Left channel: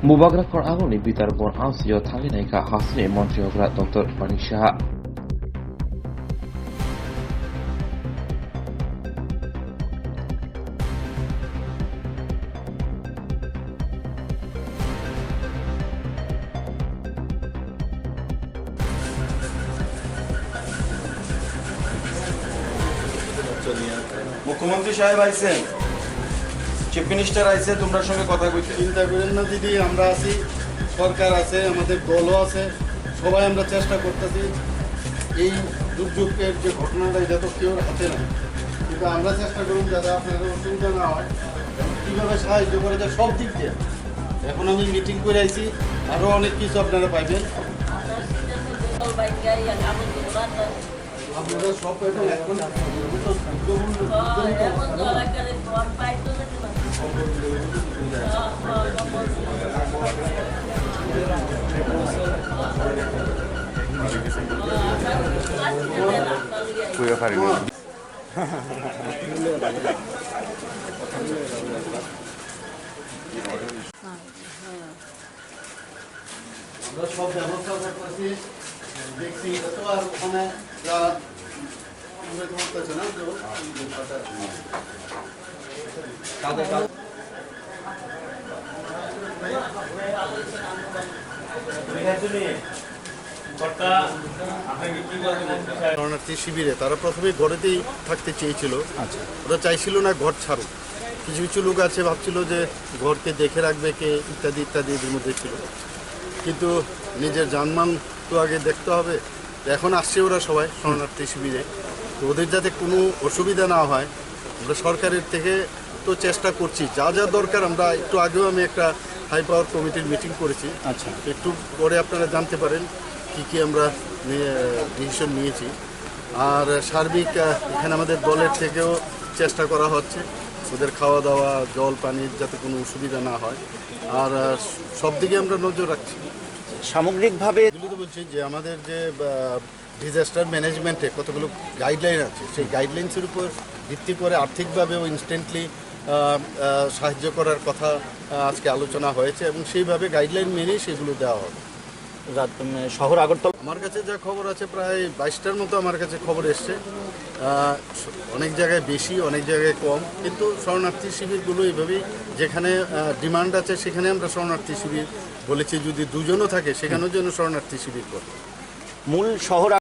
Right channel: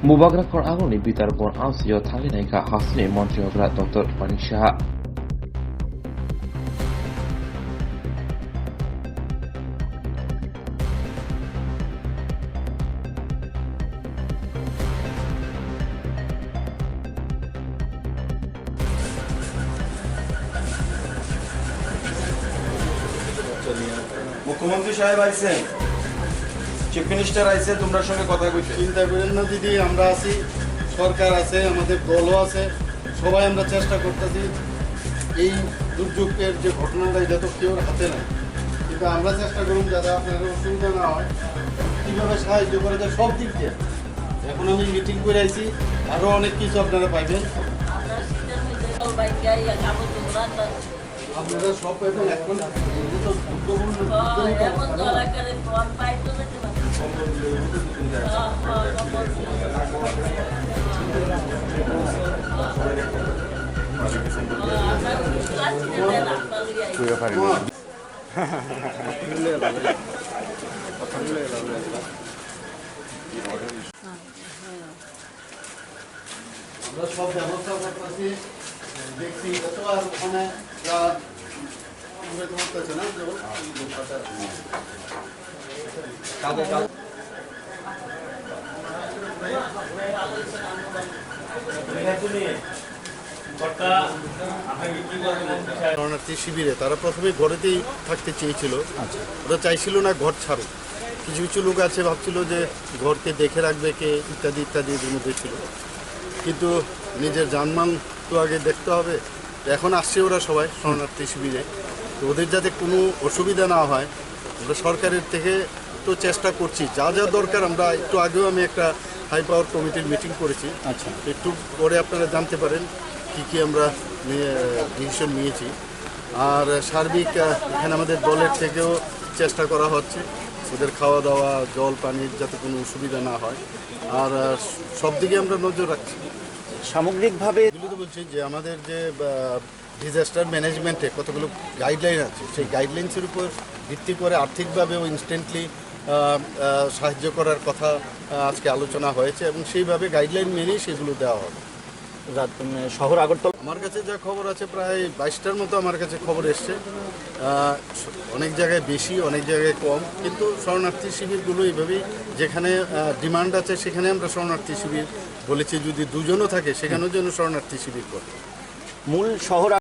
Mubagrakon Agoni Bitarbon Ansio Talineka Hasni Montreogra Dr. Manisha. মুখ্যমন্ত্রী সাহেব আইছেন, চিফ মিনিস্টার আইছে, তোমরা সঙ্গে কথা কইতে চিন্তা করেন না দিদি, আমরা আছি, সরকার আছে, আমাদের দলও আছে, সবাই আমরা চেষ্টা করতেছি। এই দুর্যোগের যে ঘটনাটা এটা তো কেউ হাতে নাই, কিন্তু আমরা চেষ্টা করুন যাতে আপনাদের অসুবিধা না হয়, কীভাবে সাহায্য করে যায় সব দিক দিয়ে। এখন আমি মিটিং করে আইছি, আরও অনেক কিছু আপনারা পাইবেন, আপনারা সব পাইবেন। এখন আমরা সব ব্যবস্থা করতেছি, দেখছি তো। আর ওখানে যা করতেছে না শরণার্থী শিবিরে তারা প্রথমে ঘরেতেই থাকতে চেয়েছিল। ওরা চাইছিল না ঘর ছাড়ুক। কিছু কিছু লোক আছে ভাবছিল যে ঘরকে দেখে রাখবে কে, ইত্যাদি ইত্যাদি এর মধ্যে ছিল। কিন্তু নিজের জানমান তো আগে দেখতে হবে। এখন আসছে ওরা সবাই শরণার্থী শিবিরে, তো ওদের যাতে কোনো অসুবিধা না হয় আমরা সরকারের থেকে তো চেষ্টা করছি। যা যা দরকার আমরা একটু আগেও আমি একটা হাই পাওয়ার কমিটির মিটিং করেছি। আচ্ছা, একটু পরে আপনারা জানতে পারেন কি কি আমরা ডিসিশন নিয়েছি। আর সার্বিক এখানে আমাদের দলের থেকেও চেষ্টা করা হচ্ছে ওদের খাওয়া দাওয়া, জল পানির যাতে কোনো অসুবিধা না হয়। আর সব দিকে আমরা নজর রাখছি। সামগ্রিকভাবে এগুলো তো বলছি যে আমাদের যে ডিজাস্টার ম্যানেজমেন্টে কতগুলো গাইডলাইন আছে, সেই গাইডলাইন্সের উপর ভিত্তি করে আর্থিকভাবেও ইনস্ট্যান্টলি সাহায্য করার কথা আজকে আলোচনা হয়েছে এবং সেইভাবে গাইডলাইন মেনেই সেগুলো দেওয়া হবে। শহর আগরতলা, আমার কাছে যা খবর আছে প্রায় 22টার মতো আমার কাছে খবর এসছে। অনেক জায়গায় বেশি, অনেক জায়গায় কম, কিন্তু শরণার্থী শিবিরগুলো এইভাবেই যেখানে ডিমান্ড আছে সেখানে আমরা শরণার্থী শিবির বলেছি। যদি দুজনও থাকে সেখানেও যেন শরণার্থী শিবির করে। মূল শহর